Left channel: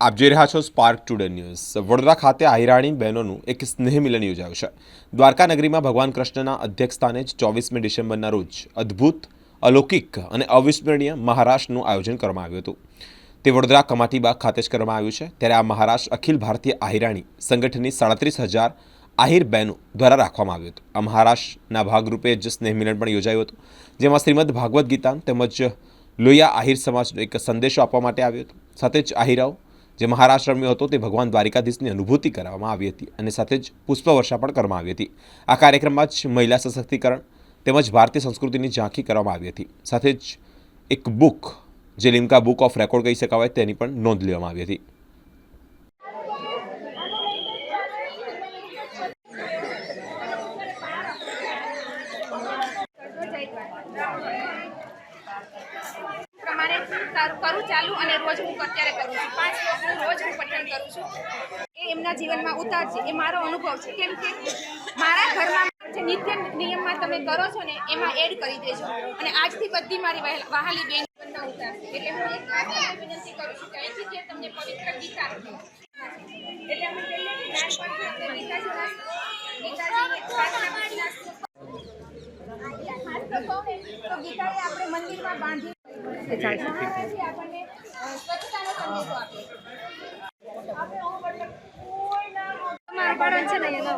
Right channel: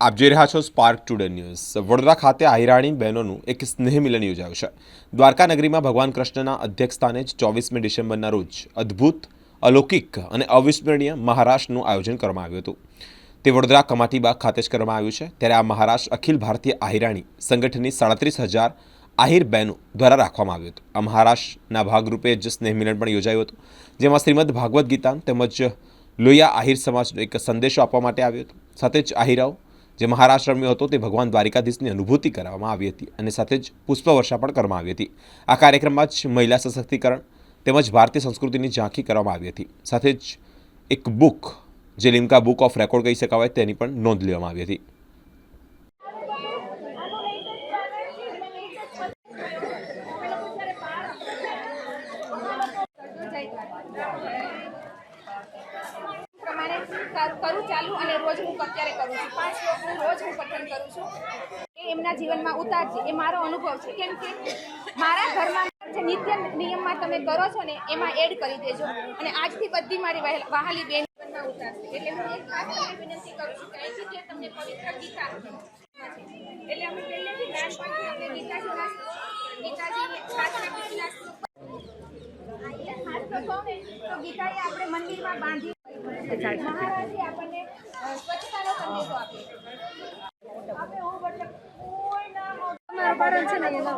આપ જોઈ રહ્યા છો સ્પાર્ક ટુડે ન્યૂઝ। વડોદરા ખાતે આહિરાણી બહેનોનું એક સ્નેહ મિલન યોજાયું છે। દ્વારકા નગરીમાં ભગવાન કૃષ્ણના અધ્યક્ષસ્થાને 24મી ડિસેમ્બરના રોજ અદ્ભુત, અલૌકિક અને અવિસ્મરણીય મહારાષ્ટ્રનું આયોજન કરવામાં આવ્યું હતું। તે વડોદરા કમાટીબાગ ખાતે જ કરવામાં આવ્યું છે। ત્યારે આ મહારાષ્ટ્ર અખિલ ભારતીય આહિરાણી સંગઠનની 37,000 આહિર બહેનો દ્વારા રાખવામાં આવ્યું હતું। આ મહારાષ્ટ્રના ભાગરૂપે જ સ્નેહ મિલન પણ યોજાયું હતું, જેમાં શ્રીમદ ભાગવદ્ ગીતા તેમજ લોહિયા આહિર સમાજનો એક સંદેશો આપવા માટે આવ્યો હતો। સાથે જ આહિરાઓ જે મહારાષ્ટ્ર રમ્યો હતો તે ભગવાન દ્વારિકાધીશની અનુભૂતિ કરવામાં આવી હતી અને સાથે જ પુષ્પવર્ષા પણ કરવામાં આવી હતી। આ કાર્યક્રમમાં જ મહિલા સશક્તિકરણ તેમજ ભારતીય સંસ્કૃતિની ઝાંખી કરવામાં આવી હતી। સાથે જ એક બુક જે લિમ્કા બુક ઓફ રેકોર્ડ કહી શકાય તેની પણ નોંધ લેવામાં આવી હતી। પ્રમાણે કરું ચાલુ અને રોજ હું અત્યારે કરું છું 5 શ્લોકનું રોજ હું પઠન કરું છું। એ એમના જીવનમાં ઉતારશે, એ મારો અનુભવ છે। કેમ કે મારા ઘરમાં જે નિત્ય નિયમમાં તમે કરો છો ને એમાં એડ કરી દેજો અને આજથી બધી મારી વહાલી બેન જીવનમાં ઉતારશે। એટલે હું એક ખાસ તમને વિનંતી કરું છું કે અહીંથી જે તમને પવિત્ર ગીતા એટલે અમે પહેલેથી નાનપણથી અમને ગીતાજીની પ્રાર્થના તો ગીતાએ આપણે મંદિરમાં બાંધી મહારાજે આપણને સ્વચ્છતાનો સંદેશો આપ્યો। મારા બાળક છે ને એનો